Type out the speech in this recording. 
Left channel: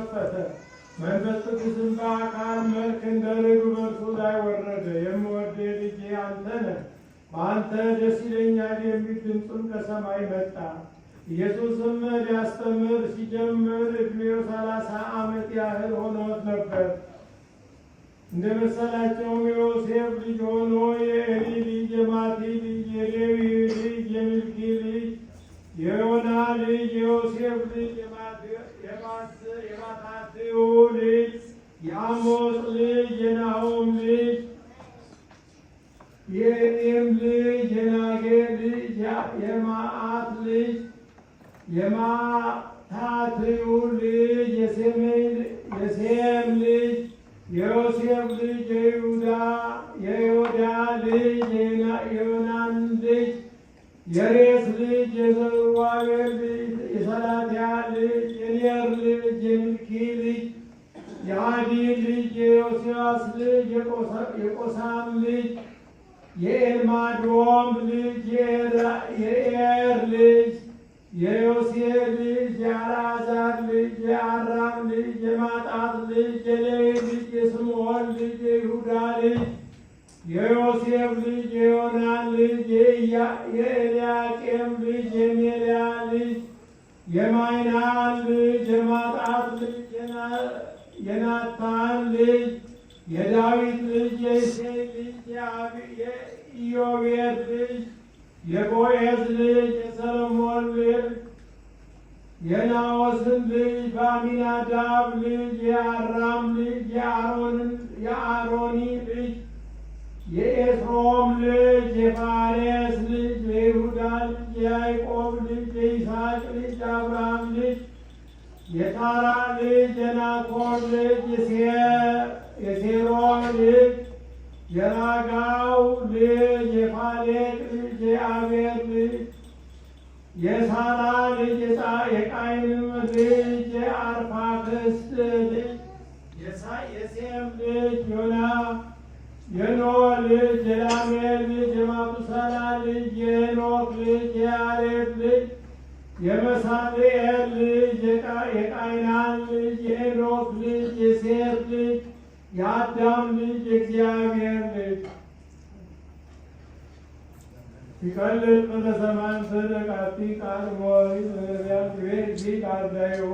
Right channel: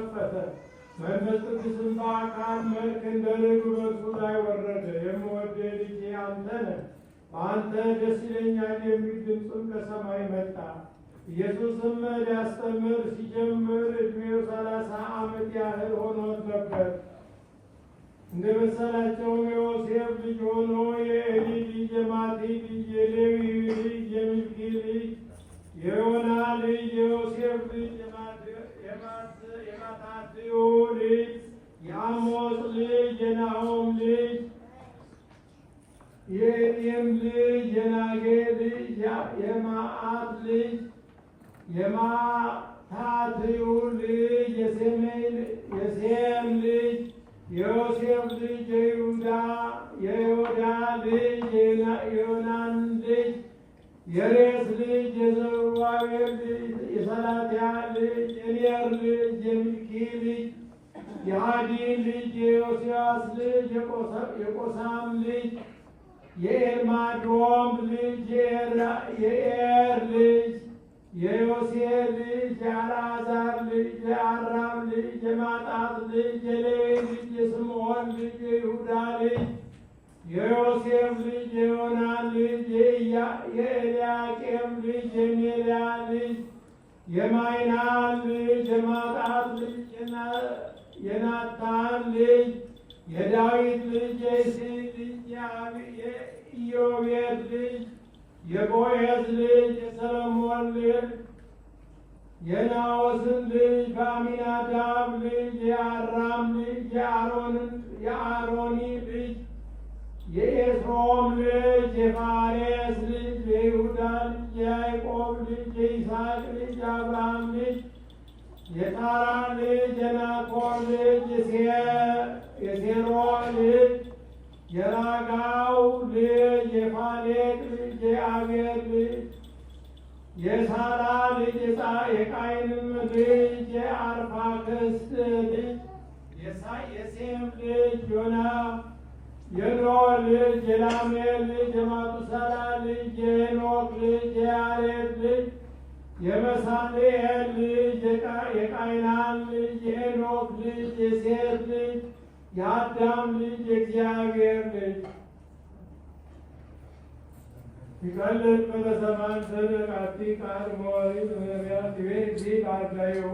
ተከፈተ። መንፈስ ቅዱስም በአካል መልክ እንደ ርግብ በእርሱ ላይ ወረደ። የምወደው ልጄ አንተ ነህ፣ በአንተ ደስ ይለኛል የሚል ድምፅም ከሰማይ መጣ። ኢየሱስም ሊያስተምር ሲጀምር ዕድሜው 30 ዓመት ያህል ሆኖት ነበር። እንደ መሰላቸውም የዮሴፍ ልጅ ሆኖ የኤሊ ልጅ፣ የማቲ ልጅ፣ የሌዊ ልጅ፣ የሚልኪ ልጅ፣ የዮና ልጅ፣ የዮሴፍ ልጅ፣ የማታትዩ ልጅ፣ የአሞጽ ልጅ፣ የናሆም ልጅ፣ የኤሬም ልጅ፣ የናጌ ልጅ፣ የማአት ልጅ፣ የማታትዩ ልጅ፣ የሴም ልጅ፣ የዮሴፍ ልጅ፣ የይሁዳ ልጅ፣ የዮናን ልጅ፣ የሬስ ልጅ፣ የዘሩባቤል ልጅ፣ የሰላትያል ልጅ፣ የኔር ልጅ፣ የሚልኪ ልጅ፣ የዓዲን ልጅ፣ የዮስያስ ልጅ፣ የቆሳም ልጅ፣ የኤልማዶም ልጅ፣ የኤር ልጅ፣ የዮሴፍ ልጅ፣ የአልዓዛር ልጅ፣ የአራም ልጅ፣ የማጣት ልጅ፣ የሌዊ ልጅ፣ የስምዖን ልጅ፣ የይሁዳ ልጅ፣ የዮሴፍ ልጅ፣ የዮናን ልጅ፣ የኤልያቄም ልጅ፣ የሜልያ ልጅ፣ የማይናን ልጅ፣ የማጣት ልጅ፣ የናታን ልጅ፣ የዳዊት ልጅ፣ የእሴይ ልጅ፣ የኢዮቤድ ልጅ፣ የቦዔዝ ልጅ፣ የሰሎሞን ልጅ፣ የናዖስን ልጅ፣ በአሚናዳብ ልጅ፣ የአራም ልጅ፣ የአሮኒ ልጅ፣ የኤስሮም ልጅ፣ የፋሬስ ልጅ፣ የይሁዳ ልጅ፣ የያዕቆብ ልጅ፣ የይስሐቅ ልጅ፣ የአብርሃም ልጅ፣ የታራ ልጅ፣ የናኮር ልጅ፣ የሴሮር ልጅ፣ የራጋው ልጅ፣ የፋሌቅ ልጅ፣ የአቤር ልጅ፣ የሳላ ልጅ፣ የቃይንም ልጅ፣ የአርፋክስድ ልጅ፣ የሴም ልጅ፣ የኖህ ልጅ፣ የላሜል ልጅ፣ የማቱሳላ ልጅ፣ የሄኖክ ልጅ፣ የያሬድ ልጅ፣ የመሳልኤል ልጅ፣ የቃይናን ልጅ፣ የሄኖክ ልጅ፣ የሴት ልጅ፣ የአዳም ልጅ፣ የእግዚአብሔር ልጅ። ይቀልጥ በሰማን ሰደቃቲ ቃል ሞሪ በነቢያት ቤት ቃል ጋይሆ